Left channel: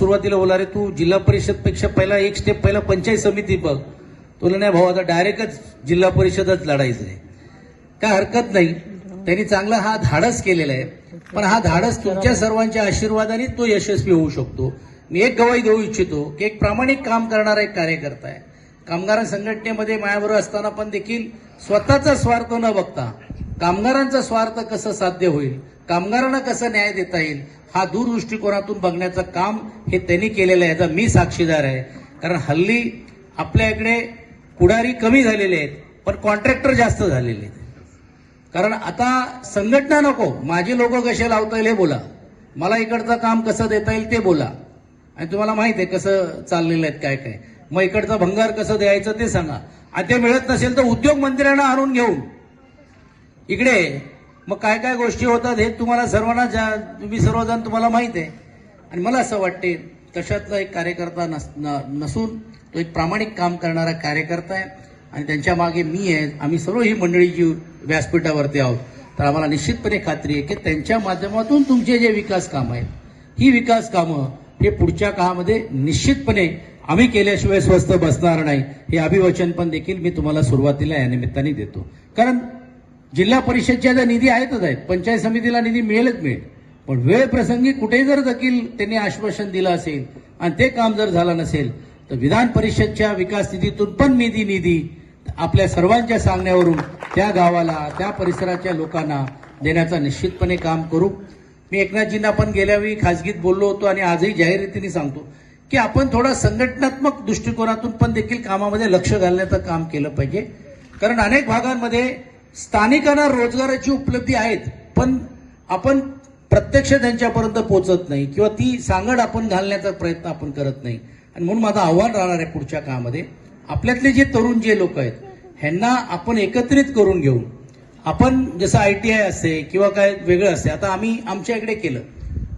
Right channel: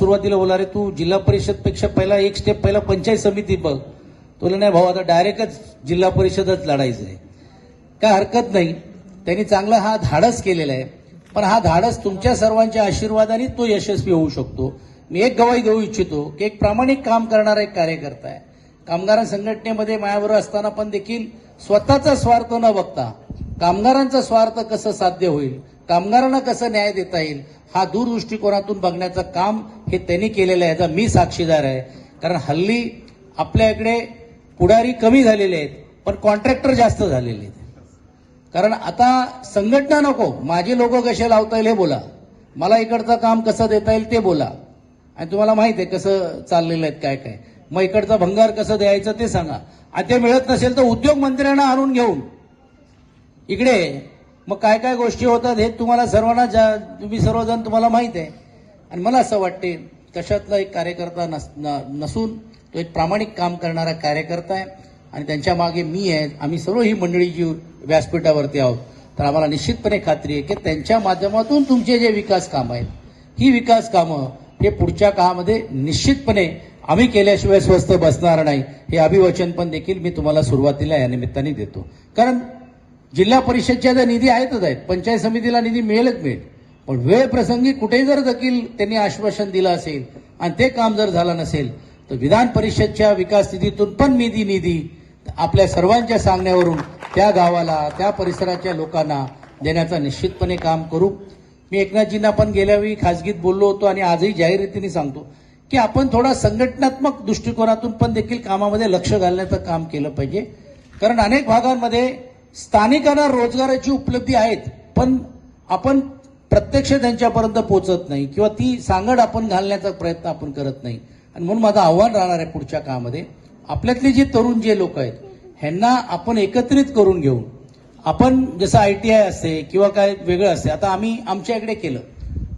सुरुवातीला बोला रे तू जिल्हा परिषद पेक्षा पहिला एक स्टेप पहिला पंचायत समिती बघ. तुला नाही भाऊ आता डायरेक्टच जिल्हा परिषदच लढायचं आहे. काय हरकत नाही, त्यांनी चांगला हा धाडस केलेला आहे. पण हा धाडस तुमच्या सर्वांच्या आशीर्वादाने तो यशस्वी होऊ शकतो. मी एक गवाही देऊ इच्छितो की एक प्रामाणिक काम करणारा एक कार्यकर्ता आहे. कामगार संघटनेमध्ये माझ्याबरोबर असताना पण देखील स्वतःचा स्वार्थ न बघता कामगारांचा स्वार्थ कसं साध्य होईल, कामगारांना कसं न्याय देता येईल, हा दूरदृष्टिकोनातून बघण्याचं काम हे त्यांनी केलेलं आहे. याचा मी साक्षीदार आहे. कारण हल्ली आपल्या इकडे पुढारी कमी झालेले आहेत पण कॉन्ट्रॅक्टर जास्त झालेले आहेत. कारण आता संघटना नको, माझे लोक कसे लावता येईल हे बोला, मला इकडचं काम कसं देता येईल ते बोला. आणि तुम्हाला माहित आहे कसं चाललेलं आहे काय काय. मग इकडचा भंगार कसं द्यायचं ते सांगा. आता मिळत नसेल तर उद्योग मंत्र्यांना आणून घेऊन इकडे मग काय काय गोष्टी होतात हे तुम्हाला सर्वांना तुम्ही सर्वजण तुम्हाला माहित आहे. आणि मला असं वाटते कशातला एक कार्यकर्ता नसून तो एक प्रामाणिक काम करणारा कार्यकर्ता आहे. आणि त्यांच्या मागे मी आहे, आम्ही सर्व ही मंडळी जी व्यासपीठावरती आहोत. तर आम्हाला निश्चितपणे खात्री आहे की त्यांच्या माध्यमातून तुमचे जे विकास कामं आहेत ही विकास कामं हे पुढच्या काळामध्ये निश्चितपणे आम्ही केल्याशिवाय स्वस्त बसणार नाही. हे अभिवचन पण देखील मी तुम्हाला सुरुवातीला या निमित्ताने देतो. कारण जिल्हा परिषदच्या ज्या निधी आहेतच आहेत, पंचायत समितीला निधी मिळेलच मिळेल. पण वेळ प्रसंगी कुठे जर देखील त्यांनी आश्वासन दिलं असेल आणि ते काम जर झालं नसेल तर विधान परिषदच्या विकास निधीतून पण निधी आपल्या सर्वांच्या सांगण्यावरून त्या गावाला त्या परिसराच्या लोकांना देण्याचा निश्चितपणे काम करू. मी एकनाथजींना पण गेल्या वेळी खासगीत बोललो होतो आणि आजही जाहीर रीतीने सांगतो की आपण थोडा संघटनात्मक दृष्टिकोनातून पण देखील कामामध्ये लक्ष घालण्याचं काम केलं पाहिजे. कारण अनेक भागांमध्ये स्थानिकांना रोजगाराची उपलब्धी आहेत पण आपण प्रत्यक्ष त्यांच्यापर्यंत पोहोचत नाही किंवा ती सांगड आपण घालण्याचा प्रयत्न आपण करत नाही. आणि म्हणून माझं आव्हान राहणार आहे पुढच्या काळामध्ये आपल्यातले जे तरुण जे लोक आहेत ह्यांना आपण एकत्रित करून घेऊन आपण जसं ITI असते किंवा काय वेगळं असते. आता आम्ही आमच्या इकडे केलं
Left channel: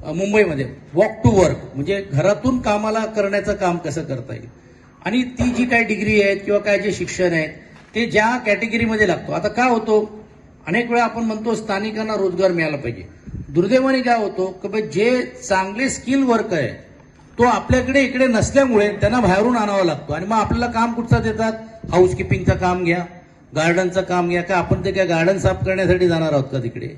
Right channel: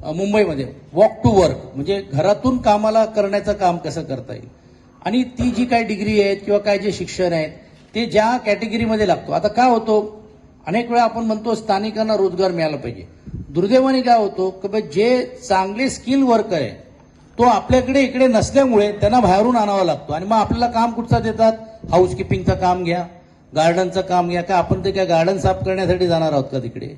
मुंबईमध्ये वॉक टू वर्क, म्हणजे घरातून कामाला करण्याचं काम कसं करता येईल. आणि ती जी काय डिग्री आहेत किंवा काय जे शिक्षण आहेत ते ज्या कॅटेगरीमध्ये लागतो. आता काय होतो अनेक वेळा आपण म्हणतो स्थानिकांना रोजगार मिळाला पाहिजे. दुर्दैवाने काय होतो की जे चांगले स्किल वर्क आहे तो आपल्याकडे इकडे नसल्यामुळे त्यांना बाहेरून आणावा लागतो. आणि मग आपल्याला काम कुठचं देतात, हाऊसकीपिंगचं काम घ्या, गार्डनचं काम घ्या. का आपण ते काय गार्डन साफ करण्यासाठी जाणार आहोत का तिकडे.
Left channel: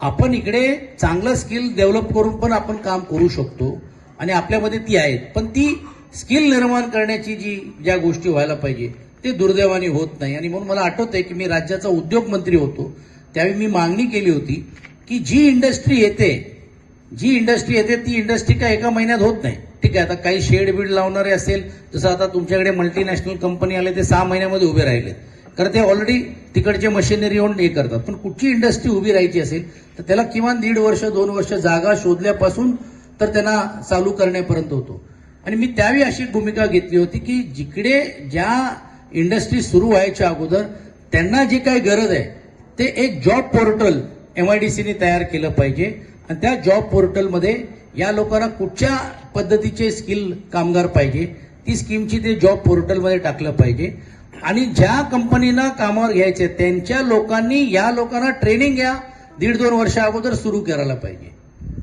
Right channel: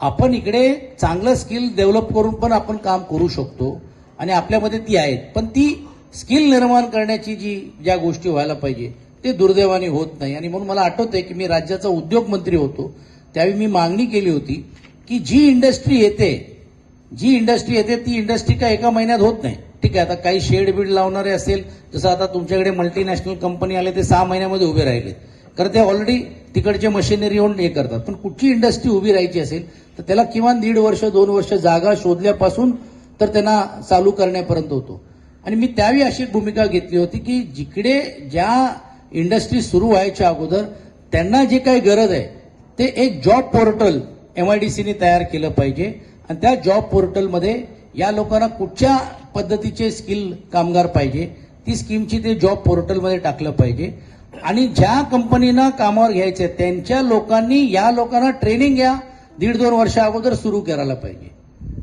आपण इकडे चांगलं स्किल डेव्हलप करून पण आपण काम करू शकतो आणि आपल्यामध्ये ती आहेत. पण ती स्किल निर्माण करण्याची ज्या गोष्टी व्हायला पाहिजे ते दुर्दैवाने होत नाही. आणि म्हणून मला आठवतंय की मी राज्याचा उद्योग मंत्री होतो त्यावेळी मी मागणी केली होती की जी इंडस्ट्री येते ती इंडस्ट्री काय एका महिन्यात होत नाही. ठीक आहे, आता काही शेड बीड लावणारे असेल जसं आता तुमच्याकडे मल्टीनॅशनल कंपनी आले ते 6 महिन्यामध्ये उभे राहिले. कारण ते ऑलरेडी तिकडचे मशिनरी येऊन हे करतात. पण कुठची इंडस्ट्री उभी राहायची असेल तर त्याला किमान 1.5 वर्ष 2 वर्ष जागा शोधल्यापासून तर त्यांना चालू करण्यापर्यंत होतो. आणि मी त्यावेळी अशी भूमिका घेतली होती की जिकडे ज्या इंडस्ट्री सुरू व्हायच्या अगोदर त्यांना जे काही गरज आहे ते एक जॉब पोर्टल MIDCने तयार केलं पाहिजे. आणि त्या जॉब पोर्टलमध्ये या लोकांना कुठच्या पद्धतीचे स्किल कामगार पाहिजे ती स्कीमची ते जॉब पोर्टलमध्ये टाकलं पाहिजे. आणि ज्या कंपनीना कामावर घ्यायचे त्यांच्या लोकांनी या लोकांना ट्रेनिंग घ्या 1.5-2 वर्ष अगोदर सुरू करायला पाहिजे.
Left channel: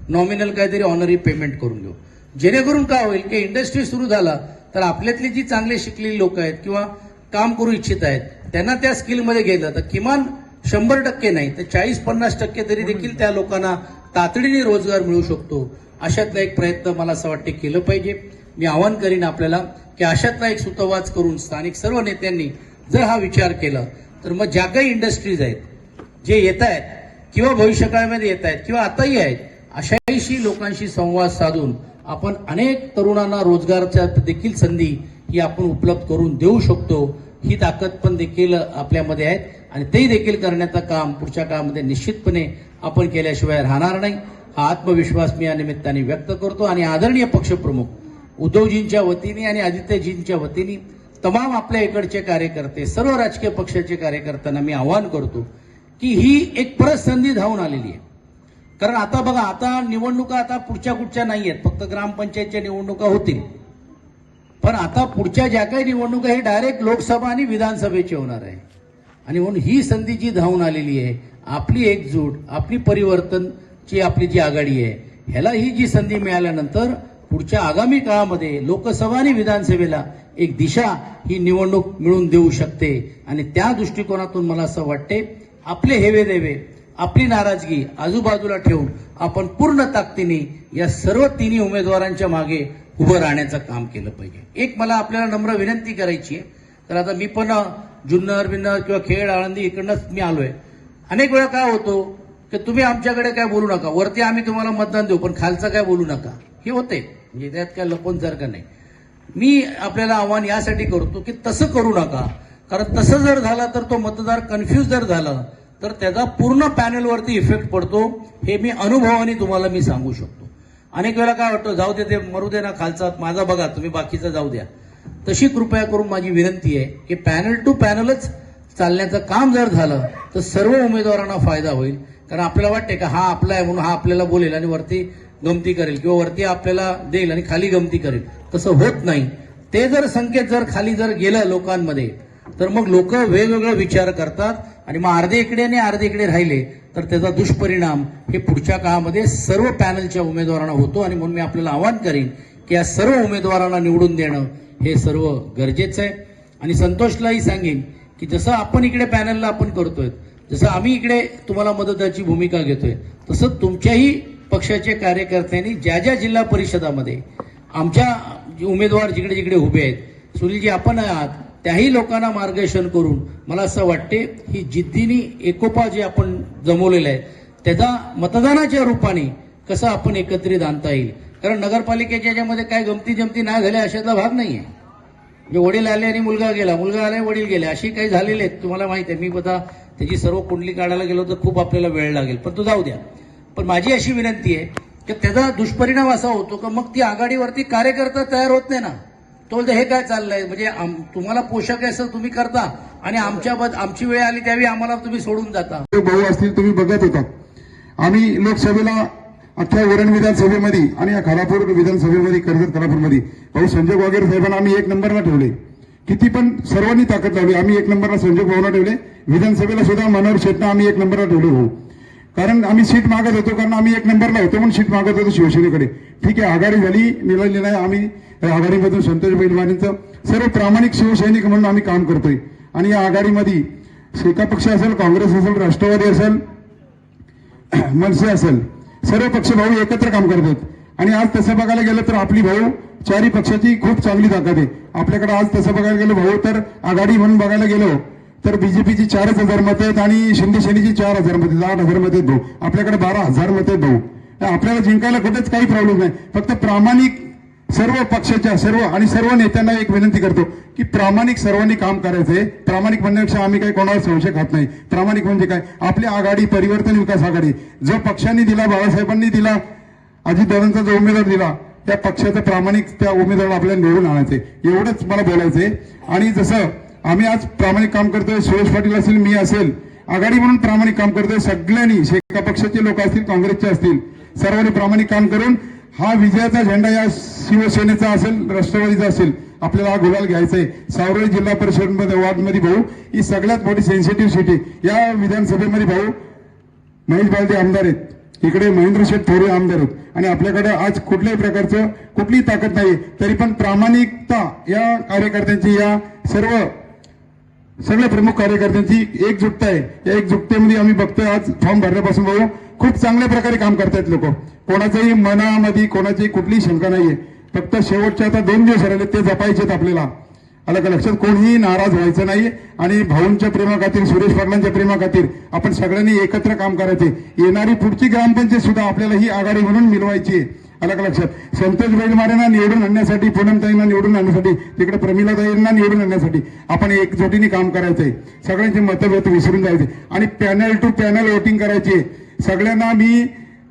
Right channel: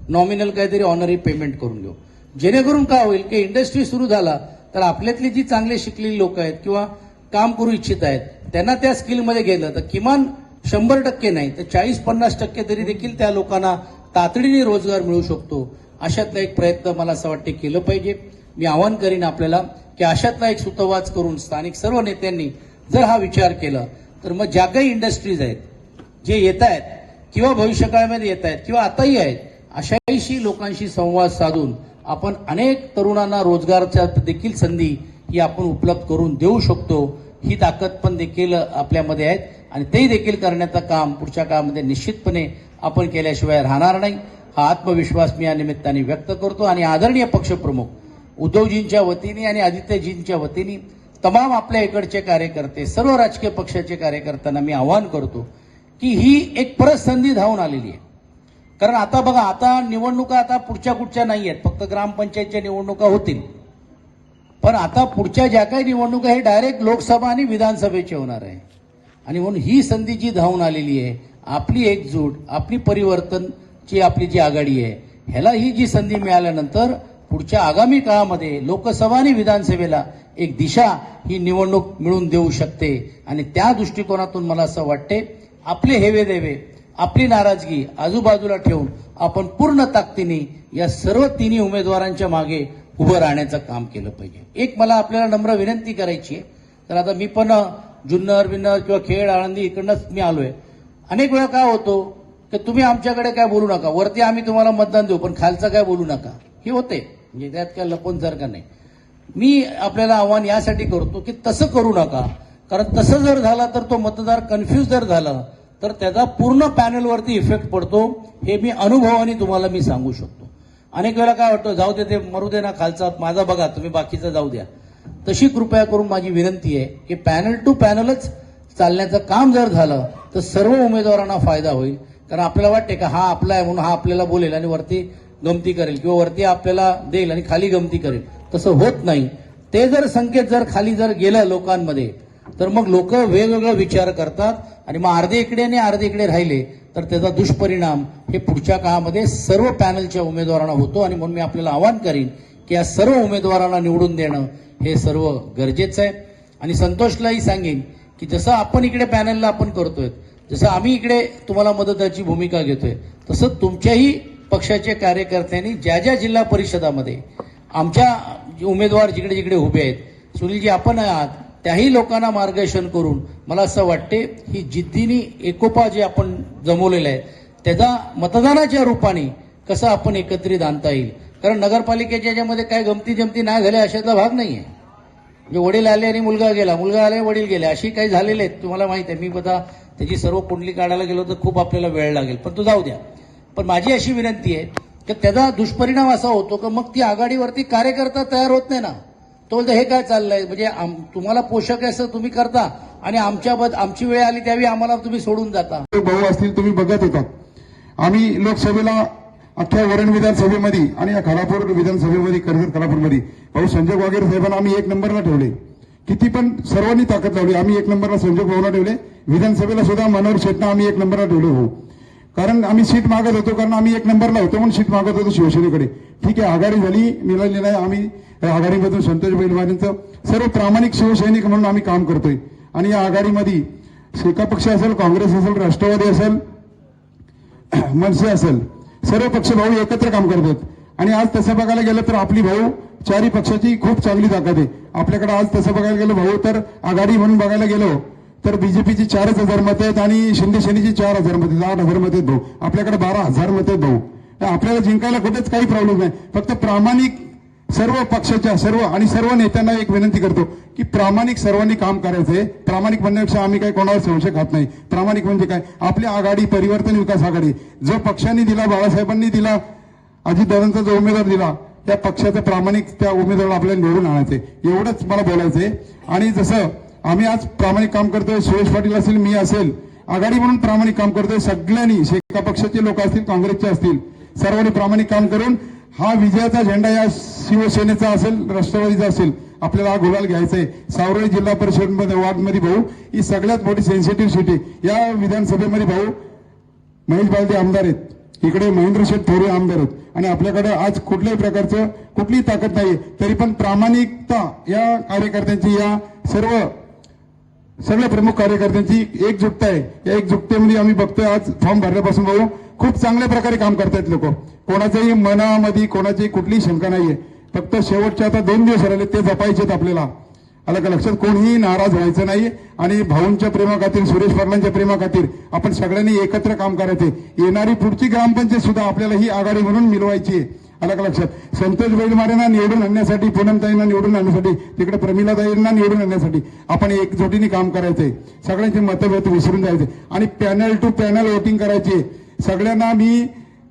नॉमिनल काहीतरी ऑनरी पेमेंट करून घेऊ. जेणेकरून काय होईल की इंडस्ट्री सुरू झाला तर आपल्यातली जी चांगले शिकलेली लोक आहेत किंवा काम करू इच्छित आहेत त्यांना त्या स्किलमध्ये गेलं तर किमान 100% नाही तर 40-50% तरी देखील त्या लोकांना तातडीने रोजगार मिळू शकतो. अशातला एक प्रयत्न मला असं वाटते केलं पाहिजे. मी आवाहन करीन आपल्याला की अशातला एक सुतोवाच करून स्थानिक सर्व नेत्यांनी जर हा विचार केला तर मग ज्या काही इंडस्ट्रीज आहेत जे येत आहेत किंवा भविष्यकाळामध्ये येत आहेत किंवा आताही आहेत अशाही लोकांशी संवाद साधून आपण अनेक तरुणांना रोजगाराच्या देखील संधी ही आपण उपलब्ध करून देऊ शकतो. ही ताकद पण देखील आपल्यामध्ये आहेत आणि ते देखील करण्याचं काम पुढच्या काळामध्ये निश्चितपणे आपण केल्याशिवाय राहणार नाही. हा आत्मविश्वास मी या निमित्ताने व्यक्त करतो. आणि आदरणीय पक्षप्रमुख उद्धवजींच्या वतीने आणि आदित्यजींच्या वतीने तमाम आपल्या इकडचे कार्यकर्ते सर्व राजकीय पक्षाचे कार्यकर्त्यांना मी आवाहन करतो की ही एक परत संधी धावून आलेली आहे. कारण आता बघा आता निवडणुका आता पुढच्या नाही आहेत, फक्त ग्रामपंचायतच्या निवडणुका होतील. पण आता पुढच्या ज्या काही निवडणुका हे डायरेक्ट लोकसभा आणि विधानसभेची होणार आहे. आणि म्हणून ही संधी जी धावून आलेली आहे आपली एकजूट आपली परिवर्तनची आपली जी आघाडी आहे ह्याला ही जी संधी मिळाल्यानंतर पुढच्या आगामी काळामध्ये लोकसभा आणि विधानसभेला एक दिशा ही निवडणूक मिळून देऊ शकते. आणि त्या दृष्टिकोनातून मला असं वाटते आपले हेवे देवे, आपली नाराजगी आजूबाजूला ठेवून आपण पूर्ण ताकदीने या सर्व तिन्ही उमेदवारांच्या मागे उभं राहण्याचं काम केलं पाहिजे. एक मला आपल्याला नम्र विनंती करायची आहे. तर आता मी पण जुन्नर बिन्नर किंवा खेड आळंदी इकडनंच मी आलोय. अनेक वेळा काय होतो की तुम्ही आमच्याकडे काय बोलू नका, वरती आम्ही तुम्हाला मतदान देऊ पण खालचं काय बोलू नका, हे होते. म्हणजे त्यात काय लपवून जर का नाही. मी आपल्याला आव्हान यासाठी करतो की तसं करू नका. कारण तसं जर झालं तर तो मतदार कन्फ्यूज जर झाला तर त्याचा पूर्ण पॅनलवरती इफेक्ट पडतो. हे मी अनुभवाने तुम्हाला मी सांगू शकतो. अनेक वेळा काय वाटतं जाऊ दे, ते मरू दे ना खालचा, माझा बघा तुम्ही बाकीचा जाऊ द्या. तशी कृपया करून माझी विनंती आहे की पॅनल टू पॅनलच चालण्याचं काम जर झालं तर सर्व उमेदवारांना फायदा होईल. कारण आपल्याला वाटते का हा आपला आहे म्हणून हा आपल्याला बोलेल आणि वरती गमती करेल किंवा वरती आपल्याला देईल आणि खाली गमती करेल. तसं होत नाही. ते जर संकेत जर खाली जर गेलं लोकांमध्ये तर मग लोक वेगवेगळा विचार करतात आणि मग अर्धे इकडे आणि अर्धे इकडे राहिले तर त्याचा दुष्परिणाम हे पुढच्या काळामध्ये सर्व पॅनलच्या उमेदवारांना होतो. आणि म्हणून मी आपल्याला आवाहन करीन की या सर्व उमेदवारांना निवडून देणं हे सर्व गरजेचं आहे. आणि संतोषलाही सांगेन की जसं आपण इकडे पॅनलला आपण करतोय, जसं आम्ही इकडे तुम्हाला मदताची भूमिका घेतोय, तसं तुमच्याही पक्षाच्या कार्यकर्त्यांनी ज्या ज्या जिल्हा परिषदामध्ये आमच्या उमेदवार जिकडे जिकडे उभे आहेत, सुनीलजी आपण आहात, त्याही लोकांना मार्गदर्शन करून मला असं वाटते ही जिद्दीने एकोपा जे आपण जमवलेला आहे त्याचा मतदानाच्या रूपाने कसं आपण एकत्रित आणता येईल. कारण नगरपालिकेच्या याच्यामध्ये काय गमती जमती नाही झाल्या अशातला भाग नाहीये. म्हणजे वडील आले आणि मुलगा गेला, मुलगा आले वडील गेले, अशी काही झालेले आहेत तुम्हाला माहिती आहे. मी आता त्याची सर्व कुंडली काढायला गेलो तर खूप आपल्याला वेळ लागेल, पण तू जाऊ द्या. पण माझी अशी विनंती आहे की त्याचा दुष्परिणाम असा होतो की मग ती आघाडीवरती कार्यकर्ता तयार होत नाही ना. तो बोलतो हे काय चाललंय, म्हणजे तुम्हाला पोषक आहे असं तुम्ही करता आणि आमची वेळ आली त्यावेळी आम्हाला तुम्ही सोडून जाता. भाऊ असतील तुम्ही बघत होतात. आम्ही लोकसभेला अख्ख्या वरण विधानसभेमध्ये आणि या खालापूर विधानसभेमध्ये कर्जत खालापूरमध्ये भाऊ संजय वगैरे साहेबांना आम्ही एक नंबरला ठेवले. किती पण सर्वांनी ताकद लावली, आम्ही एक नंबरला संजय भाऊला ठेवले. विधानसभेला सुद्धा मनोहर शेटना आम्ही एक नंबरला ठेवले भाऊ. कारण आम्ही सीट मागत होतो, कारण आम्ही एक नंबरला होतो म्हणून सीट मागत होतो शिवसेनेकडे. ठीक आहे, आघाडी झाली, निवडलेला आहे. आम्ही आघाडीमधून संतोष बैलवाणींचं सर्व प्रामाणिक शिवसैनिक म्हणून आम्ही काम करतोय. आणि या आघाडीमध्ये शेका पक्ष असेल, काँग्रेस असेल, राष्ट्रवादी असेल, मनसे असेल, सर्व पक्ष भाऊ एकत्र काम करतात. आणि आज तसं बघायला गेलं तर आपली भाऊ चारही पक्षाची खूप चांगली ताकद आहे आपल्याकडे. आज तसं बघायला गेलं भाऊ तर आघाडी म्हणून बघायला गेलो तर बीजेपीची 4,000 मतं आहेत आणि शिंदे सेनेची 4,000 मतं, 8,000 मतं आहेत भाऊ. आपल्याकडे 12,000 मतं आहेत भाऊ. आपल्याला जिंकायला कुठेच काही प्रॉब्लेम नाही. फक्त प्रामाणिक सर्व पक्षाच्या सर्व नेत्यांना एक विनंती करतो की प्रामाणिक सर्वांनी काम करायचंय. प्रामाणिक म्हणण्यापेक्षा आम्ही काही कोणावर संशय खात नाही. प्रामाणिक म्हणजे काय, आपली आघाडी परिवर्तन विकास आघाडी जो पक्षांनी दिला, बाळासाहेबांनी दिला, अजितदादांचा जो उमेदवार दिला त्या पक्षाचं प्रामाणिक त्या उमेदवाराला आपल्याला निवडून आणायचंय, एवढंच मला बोलायचंय. आणि जसं आम्ही आज प्रामाणिक काम करतोय, सुरेश पाटील असेल, मी असेल, आघाडी म्हणून प्रामाणिक काम करतोय. सगळ्यांनी शेका पक्षाचे लोक असतील, काँग्रेसचे असतील, सर्वांनी प्रामाणिक काम करून हा विजयाचा झेंडा या शिवसेनेचा असेल, राष्ट्रवादीचा असेल, आपल्याला हा गुलाल घ्यायचा आहे. सावरळी जिल्हा परिषद वार्डमध्ये भाऊ ही सगळ्यात मोठी सेन्सिटिव्ह सिटी. या विधानसभेमध्ये भाऊ महेश बालदे आमदार आहेत, इकडे महेंद्र शेठ थोरे आमदार आहेत. आणि आपल्याकडे आज कुठल्याही प्रकारचं कुठलीही ताकद नाही, तरी पण प्रामाणिकता या कार्यकर्त्यांची, या सगळ्या प्रमुख कार्यकर्त्यांची एकजुटता आहे. या एकजुटतेमध्ये आम्ही बघतोय आज फॉर्म भरण्यापासून भाऊ खूप चांगल्या प्रकारे काम करतायत लोक. कोणाच्याही मनामध्ये कोणाची कुठलीही शंका नाहीये. फक्त शेवटचे आता 2 दिवस राहिले ते जपायचेत आपल्याला. आलं का लक्षात, कोणीही नाराज व्हायचं नाही. आणि भाऊंच्या प्रेमाखातीर, सुरेश पाटलांच्या प्रेमाखातीर आपण सगळ्यांनी एकत्र काम करायचे. येणारी पुढची ग्रामपंचायत सुद्धा आपल्याला ही आघाडी म्हणून मिळवायची आहे. आलं का लक्षात, संतोष बैलमारेंना निवडून आणण्यासाठी, पूनमताईंना निवडून आणण्यासाठी, तिकडे प्रमिलाताईंना निवडून आणण्यासाठी आपण एकजुटीने काम करायचंय. सगळ्यांचे मतभेद विसरून जायचे आणि पॅनल टू पॅनल वोटिंग करायची. सगळ्यांना मी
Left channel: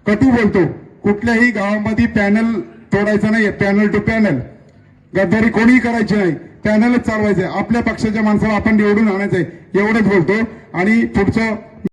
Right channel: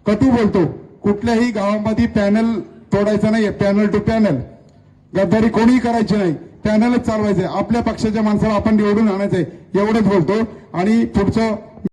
कटू बोलतो, कुठल्याही गावामध्ये पॅनल तोडायचं नाही. पॅनल टू पॅनल गद्दारी कोणीही करायची नाही, पॅनलच चालवायचंय. आपल्या पक्षाच्या माणसाला आपण निवडून आणायचंय, एवढंच बोलतो. आणि पुढचं